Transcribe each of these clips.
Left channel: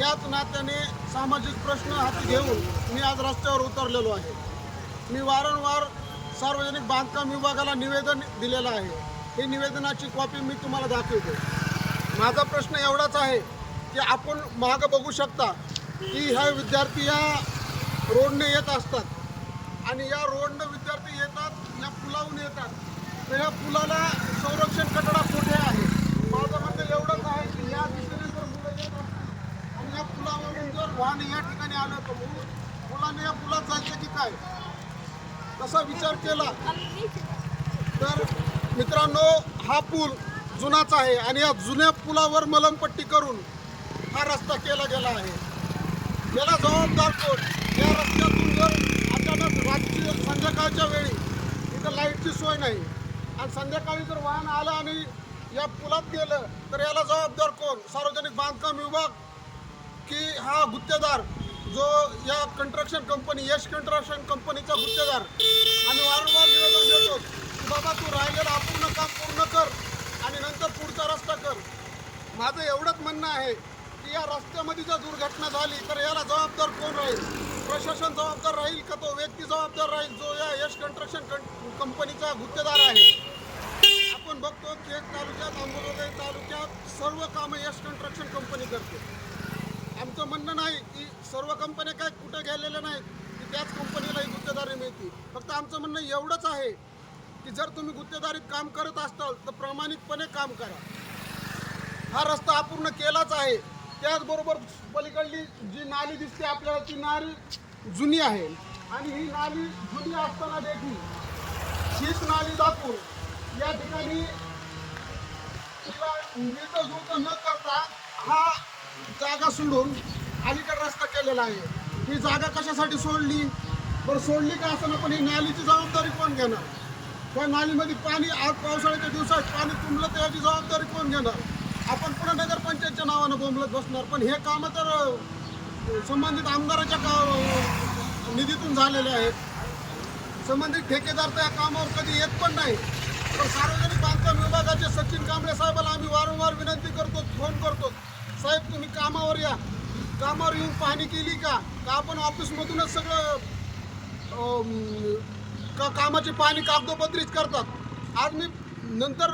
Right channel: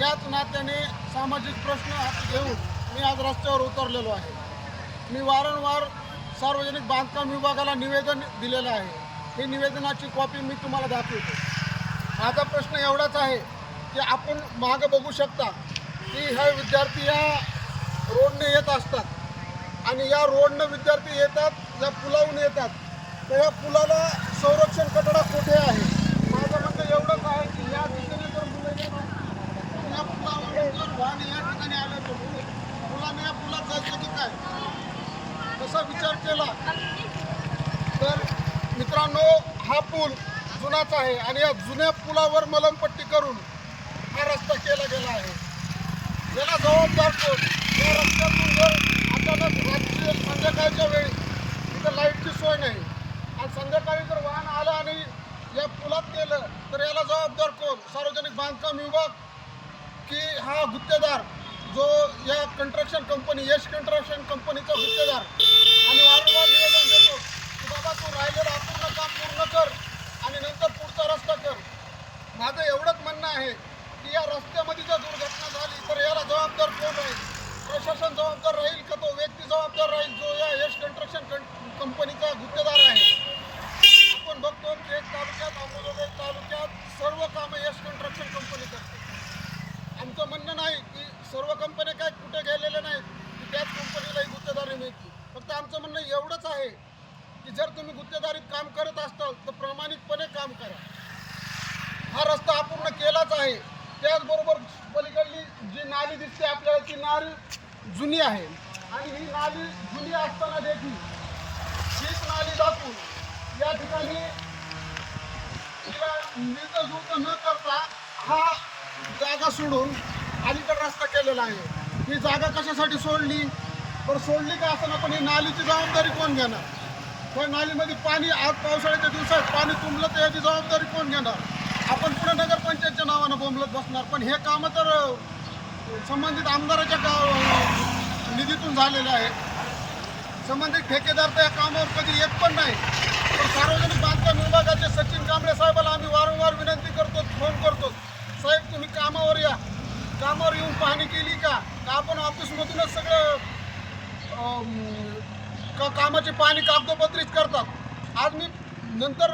याच नात्याने सामाजिक प्रश्न हाती घेऊन मी आज रस्त्यावर उतरलेलो आहे. मी वारंवार सार्वजनिक बांधकाम विभागाला निवेदन दिलेलं आहे. हे निवेदनाची कॉपी मी तुम्हाला दाखवतो. माझा प्रश्न एवढाच आहे की आपण मागं बघू शकता की ह्या विद्यार्थी या रोडने येत असतात. आणि या रोडनं विद्यार्थी येतात या पुलावून येतात. तर या पुलाला संरक्षण कठडा कुठे आहे? माझं म्हणणं एवढंच आहे की या दिशेने जर मुलं येत असतील या पुलावरून जर वाहन या ठिकाणी आलं तर मुलाने मुलांनी या पुलात चालतं की काय? तसा विचार केला तर मित्रांनो हा पूल जुनाच आहे आणि या जुन्या पुलावर मलमपट्टी करून हा रस्ता केला गेला आहे. याला जबाबदार कोण? या रस्त्यातून जर अचानक रात्री संध्याकाळच्या वेळी इथं लाईटची सोय नाही आणि संध्याकाळी जर वाहन आलं आणि या पुलात गेलं तर याला जबाबदार कोण? सार्वजनिक बांधकाम विभाग की हा गुत्तेदार जो या कंट्रक्शन कंपनी यश कंट्रक्शन कंपनीचा गुत्तेदार आम्ही वारंवार निवेदन देतो की बाबा तू राहिलेलं अपूर्ण काम पूर्ण कर आणि नंतर पुढचा रस्ता कर. माझं एवढंच म्हणणं आहे की या रस्त्यामध्ये जर दुर्घटना झाली तर याला जबाबदार कोण राहील? प्रशासन जबाबदार राहील का तो व्यक्ती जबाबदार राहील जो या यश कंट्रक्शन कंपनीचा गुत्तेदार आहे? आपण बघतो केज तालुक्यात अंबोजोगाई तालुक्यात सर्व कामं यश कंट्रक्शन कंपनी करते. आमचं म्हणणं नाही की सर्व कंपन्या काय कुठे गेलेल्या नाहीत की त्याच कंपनीला ही गुत्तेदारी मिळते. फक्त आमचं म्हणणं एवढंच आहे की जर तुम्ही गुत्तेदारीत काम करत असाल तर प्रामाणिकपणे काम करा. हा रस्ता अपूर्ण केलाच आहे. त्याचबरोबर पलीकडली जी नाली दिसते आपल्याला ती नाली जुनी आहे. आणि ही नाली जुनी असताना देखील हीच नाली दाखवून या ठिकाणी तिला नीट न करता हा जागा सोडून अलीकडे रस्ता केलेला आहे. ही जागा कशासाठी सोडली? बरं सोडली का असं ना पण ही नालीची जबाबदारी कोण घेणार? पण नालीमध्ये पाणी आज पावसाळ्याच्या दिवसात पाणी तुंबलं तर याची जबाबदारी कोण घेणार? आपण पुणे नगरपंचायतच्या नावानं बोंबलत बसणार पण हे कामं तर संबंधित आमदाराच्या का निधीतून झालेले आहेत. संबंधित ठेकेदार तर या कामावर कधी येत पण नाही. पण सार्वजनिक बांधकाम विभागाचे सचिन कांबळे साहेबाला आम्ही वारंवार विनंती करतो फोन करतो. साहेब तुम्ही कामावर या. कामावर येऊन पाहणी केली का? का आपण ऑफिसमधूनच सगळं का कामाची पाहणी कागदोपत्रीच करतात? आज मी नंतर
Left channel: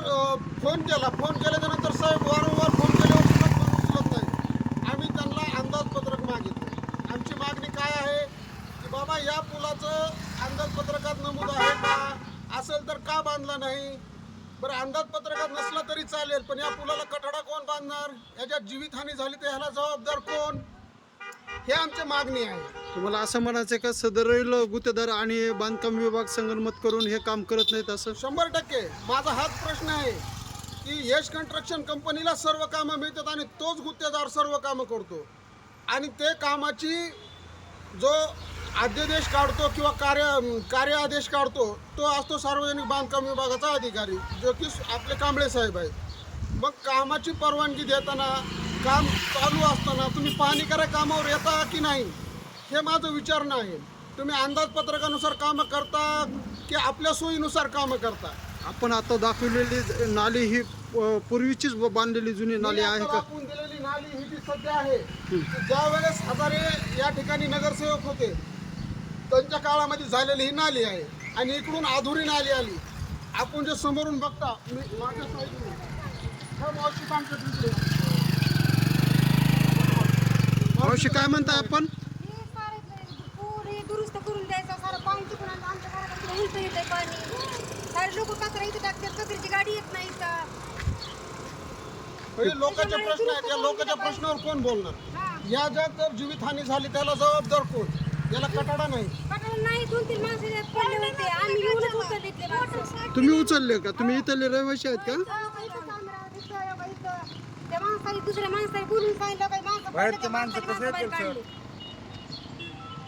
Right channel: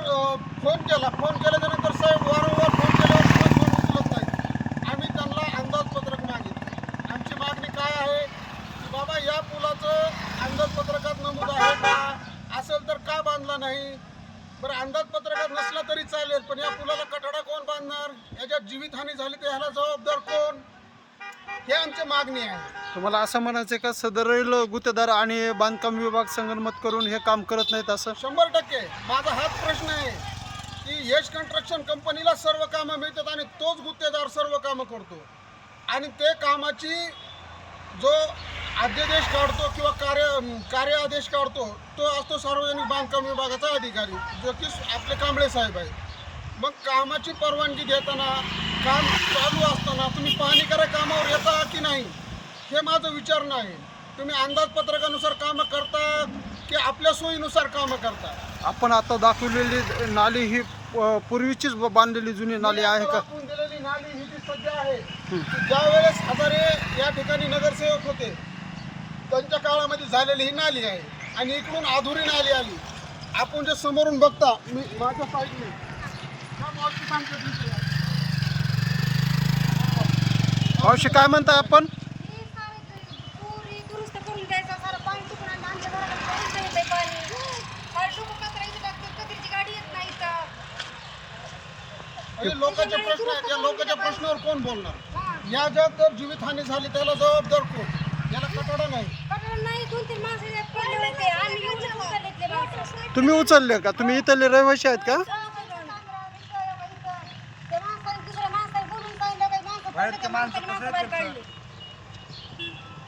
फोन केला. फोन केल्याच्यानंतर साहेब वारंवार फोन केल्यावर सुद्धा फोन उचलत नाही. आम्ही त्यांना अंदाजपत्रक मागितलं. आमची मागणी काय आहे? की बाबा या पुलाचं अंदाजपत्रकात नमूद आहे का? असेल तर का बांधला नाही? बरं अंदाजपत्रकात नसला तरी चालेल पण या पुलाला कठडा कोण बांधणार? याच्यात जीवितहानी झाली तर ह्याला जबाबदार कोण? हे आमची मागणी आहे. तुम्हाला असं म्हणायचं का सदरील गुत्तेदार आणि बांधकाम विभाग संगनमत करून हे काम करत नाहीत असं? शंभर टक्के. माझा हाच प्रश्न आहे की यश कंस्ट्रक्शन कंपनीला सर्व कामं मिळतात आणि तोच गुत्तेदार सर्व कामं करतो. आणि ते कामाची जो अध्यादेश काढतो किंवा कार्य कार्य आदेश काढतो तो असतो सार्वजनिक बांधकाम विभागाचा अधिकारी जो की आपले कांबळे साहेब आहेत. मग कामाची परवानगी देताना काम चालू असताना तुम्ही पाहणी करा कामावर येता की नाही हे माझं विचारणं आहे. तुम्ही अंदाजपत्रकानुसार कामं करता की आपल्या सोयीनुसार कामं करता? आपण आता दाखवलेली नाली ही पूर्वीचीच बांधलेली जुनी नाली आहे का? दाखवून दिलेली नाली ही जी सध्या आहे. ज्या वेळेस हजारे या ठिकाणी नगरसेवक होते त्यांच्या काळामध्ये झालेली ही नाली आहे आणि इकडून अधुरी नाली आली. आपण जे समोरून बघता मी माझ्या साईडने हा मावशी काय म्हणताय आपण? हे सारे क- पुरी दुरुस्त करून द्यायचं सारं पाणी तिकडून आणलं. आमच्या घराकडे उलट येत आहे पाणी. सारे लोक कचरा इथं टाकतात कचऱ्याची गाडी येत नाही का म्हणजे लोकांचे प्रश्न आहेत या लोकांच्या प्रश्नावर कोण बोलणार? हा. या ज्यात जर जीवितहानी झाली त्याला जबाबदार कोण? याला कटाडा नाही. पकडलं नाही दोन तीन माणसं पडले होते आम्ही येऊनच उचलले माणसं. तुम्ही उचलले का? तुम्ही इथले रहिवाशी आहेत का? त्या माणसाने दुसऱ्या माणसाने बोलून सांगितलं काही माणसं पडलं त्या माणसाने माणसं बाहेर काढली.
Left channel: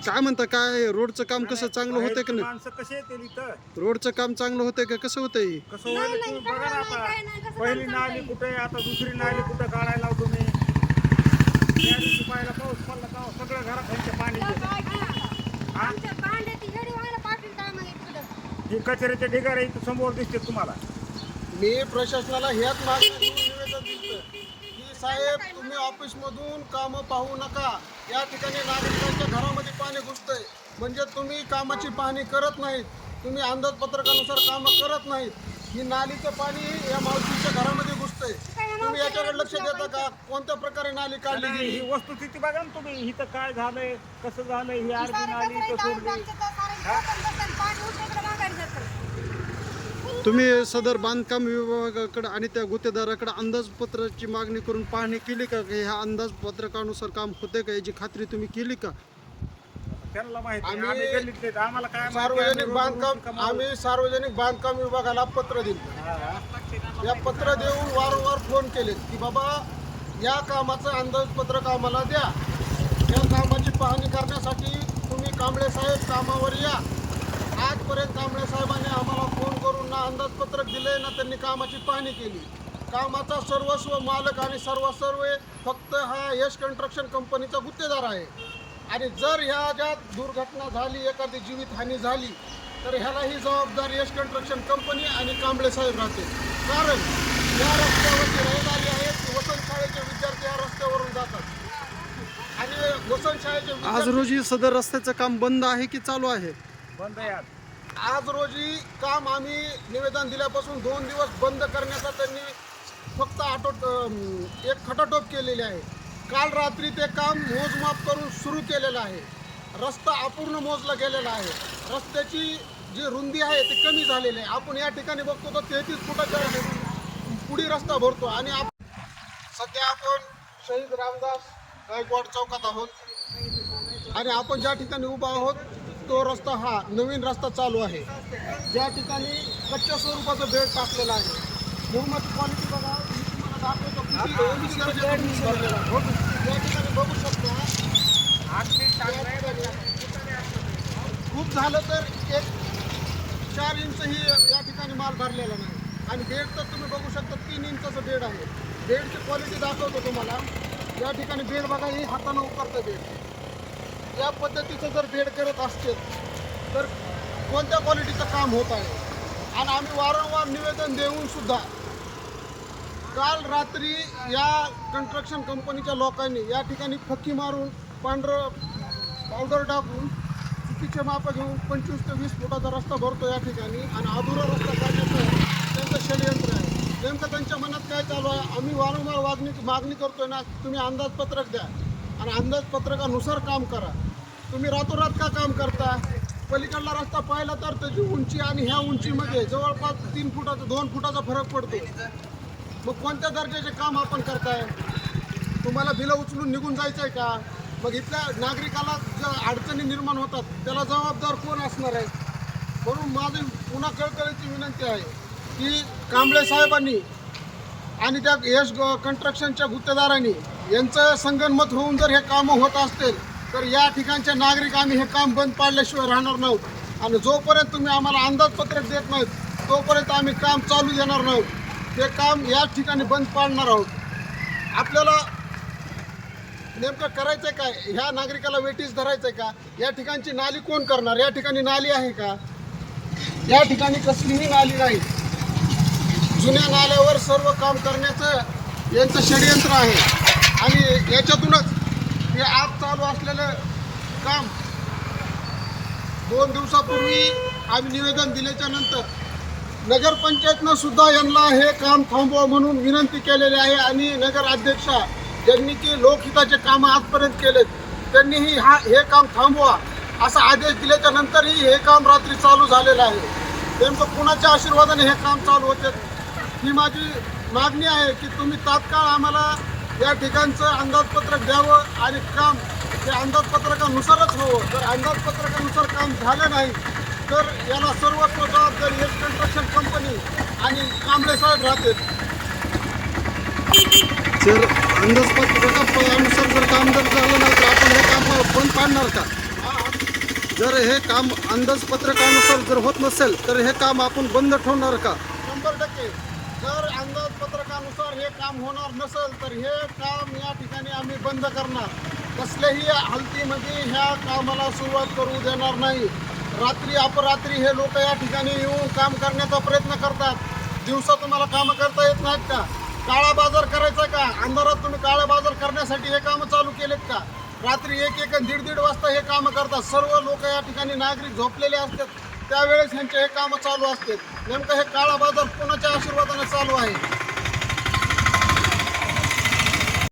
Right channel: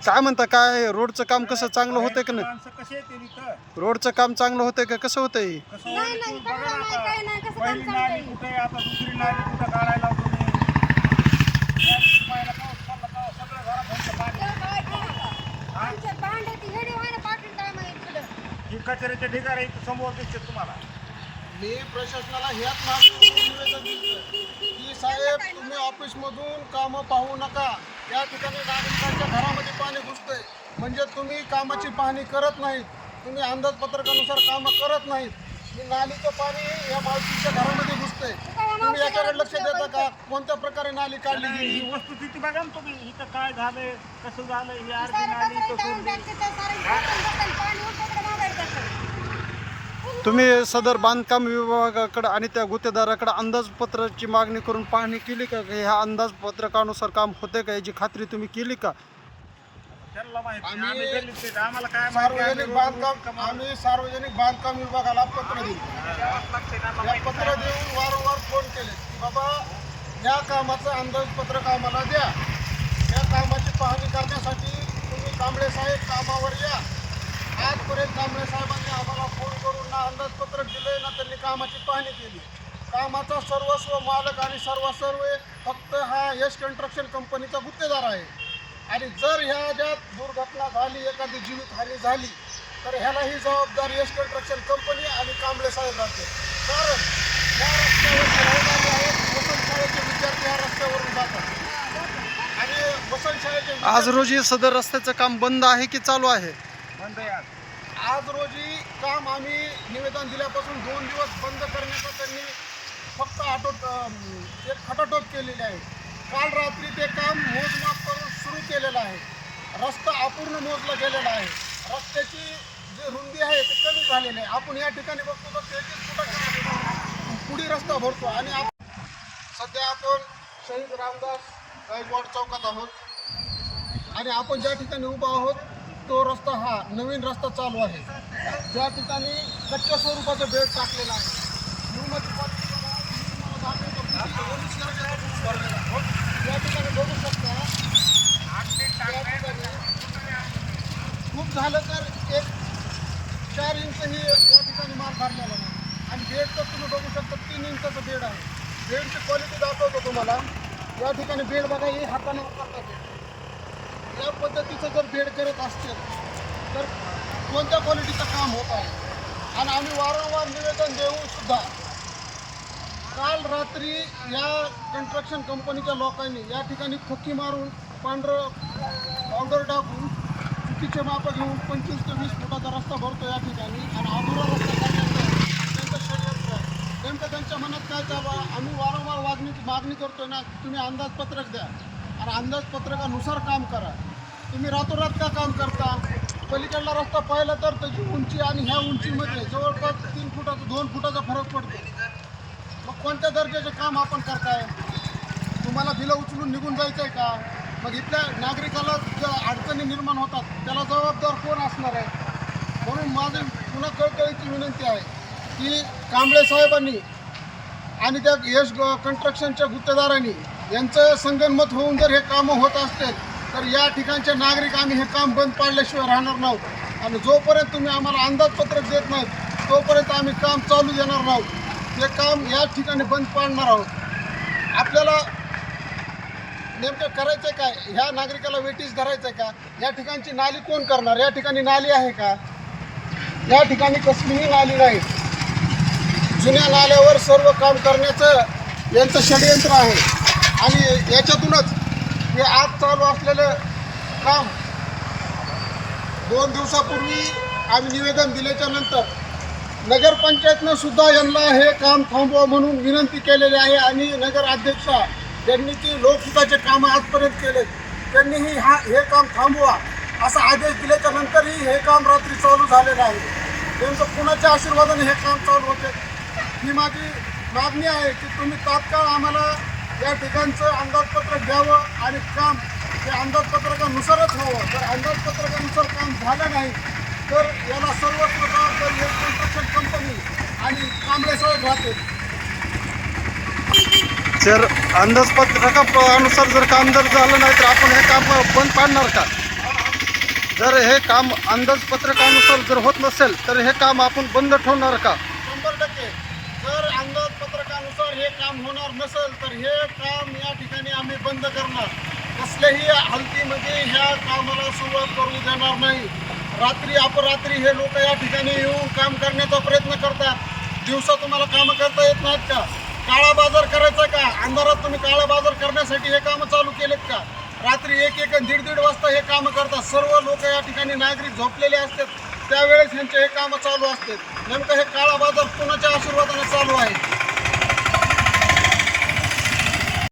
काय म्हणता काय रोडचं काम कसं चांगलं होतंय का नाही? माणसं कसे येतील इथं? रोडचं काम चांगलं होतंय का? कसं होतंय? कसं नाही, होईल नाही, तुम्ही बघा ना नाही, आता. पहिली नाली? कुठे आहे आता दुसरी नाली कुठं काढायला लावतो मी? त्या दिवशी पाहिला पाऊस पडला तेव्हा सगळं घरात पाणी गेलं. काय केलं? आमच्या भांड्यात हेडी व्हायला काय तिकडं ही कचऱ्याच्या ढिगाऱ्या इथं समोर दिसते तुम्हाला. मी प्रशासनाला ह्याच मागणी निवेदन दिलं की साहेब तुम्ही ऑफिसमधून कामं पाहू नका. या ठिकाणी नागरिकांच्या घरामध्ये पाणी घुसतंय. म्हणजे तुम्ही कामाची पाहणी करत नाहीत. तुम्ही अंदाजपत्रकानुसार कामं करत नाहीत. ही नालीचं पाणी या मावशीच्या घरामध्ये घुसतंय. तुम्ही याच्याकडे लक्ष देता का? कोणत्या प्रकारे नाली काढली गेली? ही वस्तुस्थिती बघा ना तुम्ही इथं काय झालंय कसं झालंय ही अर्धी नाली कसं तुम्ही सदर बांधकाम विभागाकडे आणि त्या गुत्तेदाराकडे अंदाजपत्राची मागणी करून पाहणी केली का? की ह्या अंदाजपत्रकानुसार काम होते का? याची खात्री तुम्ही केली का? त्यांना माहिती आहे. आम्ही आम्ही गल्लीतले आहेत. आम्हाला काय माहिती? सार्वजनिक बांधकाम आम्ही सार्वजनिक बांधकाम विभागाला पत्र दिलं. या पत्र देऊन वारंवार फोन केले की बाबा या कामाचं अंदाजपत्रक आम्हाला द्या. या कामाची पाहणी करण्यासाठी तुम्ही कांबळे साहेब कामावर या. आजपर्यंत कांबळे साहेबांनी आम्हाला फोन करून ना अंदाजपत्रक दिले ना त्यांनी कामाची पाहणी केली. कामाचा सर्वस्व मालक आणि सर्वसर्व फक्त हा यश कन्स्ट्रक्शन कंपनीचा गुत्तेदार आहे. आणि जर ह्या ज्या दुर्घटना झाली एखादी जीवितहानी झाली तर ह्याला ही जबाबदार यश कन्स्ट्रक्शन कंपनी आणि कांबळे साहेब राहते कारण या रस्त्यावरचे रहिवासी आहेत वसंत शाळेचे विद्यार्थी या रस्त्यावरून जातात. आणि वसंत शाळेचे आज रोजी सदर रस्त्याचं काम बंद आहे की चालू आहे? बंद आहे आज. आज रोजी काम आम्ही निवेदन दिल्यापासून दोन दिवस बंद करण्याचा त्यांनी फक्त आटोट अं, एक खटाटोप केलेली आहे. काल रात्री ते काम मोजमाप करून सुरू केलेलं आहे. रस्ता अपूर्ण मोजला गेलेला आहे. रस्त्याची जी रुंदी आहे ती कमी झालेली आहे. आपण या ठिकाणी बघतो तर तेहतीस फुटाच्या पुढी रस्ता भरतो आणि आप सध्या आपण शहीद रामदास गायकवाड चौकात आहोत. आणि आपण ज्या ठिकाणी उभा आहोत तो रस्ता हा नवीन रस्ता चालू आहे. ज्या ठिकाणी कच्च्या स्वरूपाचं बेड टाकलेलं आहे. निर्माती क्वालिटी बघा. तुम्हाला दाखवतो भरलेला या ठिकाणी बघू शकता. खूप झालं तर एक चार इंचही या ठिकाणी माल भरलेला नाही. आणि बेड तर तुम्ही बघू शकता तीन इंचाचं बेड आहे. बेडची क्वालिटी दाखवतो तुम्हाला. या ठिकाणी बेड बघा हे हातानं उकरतं बेड. या पद्धतीचं जर बेड करत असते तर कोणत्या क्वालिटीचं काम होत आहे? आणि आम्ही वारंवार निवेदन देऊन सुद्धा काल रात्री या कन्स्ट्रक्शन कंपनीच्या लोकांनी या ठिकाणी फक्की मारून पांढरं पावडर टाकून चुकीचे माप घेऊन पंचवीस ते वीस फुटाचा रस्ता भरतो या ठिकाणी आणि अधुरा रस्ता करण्याचं त्यांचं षडयंत्र आहे. नेमकं त्यांच्या मनात काय चालू आहे? आम्ही वारंवार मागणी मागणी करतोय ना तुम्ही अंदाजपत्रक द्या. आणि अंदाजपत्रकानुसार काम करा. तुम्ही रातोरात का काम करता? पलीकडला रस्ता पाहिला तर त्याची उंची आणि ह्या उंचीमध्ये जवळपास तीन फुटाचा दोन फुटाचा फरक पडतो. मग कोणत्या दर्जाचे काम आपण करताय? तुम्हाला बिलं उचलून निघून जायचं आहे का? मग इथल्या नागरिकाला ज्या अडचणी निर्माण होतात त्याला जबाबदार कोण असणार आहे? म्हणून माझी पुन्हा कळकळीची विनंती आहे की कांबळे साहेबांनी आणि त्या यश कन्स्ट्रक्शनच्या गुत्तेदारांनी यांचं संगनमत होऊन जर हे कामं होत असतील तर या ठिकाणचे नागरिक आम्ही हे काम बंद पाडल्याशिवाय राहणार नाहोत. आणि जोपर्यंत तुम्ही आम्हाला अंदाजपत्रक देत नाहीत तोपर्यंत आम्ही काम चालू देणार नाहोत. ते काम या ठिकाणी बंद पाडणार आहोत. आपल्याला नेमकं करायचं काय? ह्या नागरिकाला वेटीस धरायचं का? या ठिकाणची नाली कोण करणार? या ठिकाणी नाली आहे का? या ठिकाणी कसलीही नाली नाही. जुन्या नाल्यावर सर्व काम करण्याचं यांचं षडयंत्र आहे. आणि याच्यातूनच हे आज चालू असलेलं काम दोन दिवसापूर्वी आम्ही निवेदन दिल्याच्या नंतर नगरपंचायतनं सुद्धा यांना हे काम थांबवा म्हणून विनंती केलेली आहे. आणि नगर अध्यक्षा ज्यांनी की लोकहिताचे कामं आजपर्यंत केले त्यांनीही हा हे काम थांबवा असा आदेश दिल्याच्या नंतरही हे काम रात्री चालू झालेलं आहे. नेमकं कुणाच्या आशीर्वादाने हे काम चालू होते? ही माझी मागणी आहे की तुम्ही तात्काळ आम्हाला या ठिकाणचं अंदाजपत्रक द्यावं आणि काम हे अंदाजपत्रकानुसारच व्हावं. जर अंदाजपत्रकानुसार काम झालं नाही तर याला सर्वस्व जबाबदारी एक कन्स्ट्रक्शन कंपनी आणि कांबळे साहेब राहतील. जर अंदाजपत्रकानुसार जर काम जर झालं नाही तर आपण हे काम बंद पाडणार का? जर हे काम अंदाजपत्रकानुसार जर होत नसेल तर हे काम आपण बंद ठेवणार का? शंभर टक्के. जर अंदाजपत्रकानुसार हे काम होणार नसेल तर हे काम या ठिकाणी आम्ही बंद करणार. कसल्याही हालतीमध्ये ह्या कामाला सुरुवात करू देणार नाही. रात्री अपरात्री हे लोक या ठिकाणी येऊन काम करण्याचा प्रयत्न करतात. दिवसा तुम्हाला कामं करता येत नाहीत का? काळा बाजार करायचा का? अंधारात तुम्ही काळा बाजार करण्यासाठी हे कामं चालू केलेत का? रात्री एक एक दीड दीड वाजता हे कामं करतात. सर्व लोक या ठिकाणी नागरिक झोपलेले असतात. त्यावेळेस ह्यांचे हे कामं चालू असतात. नेमकं हे काळा बाजार कोणाच्या आशीर्वादाने चालू आहे?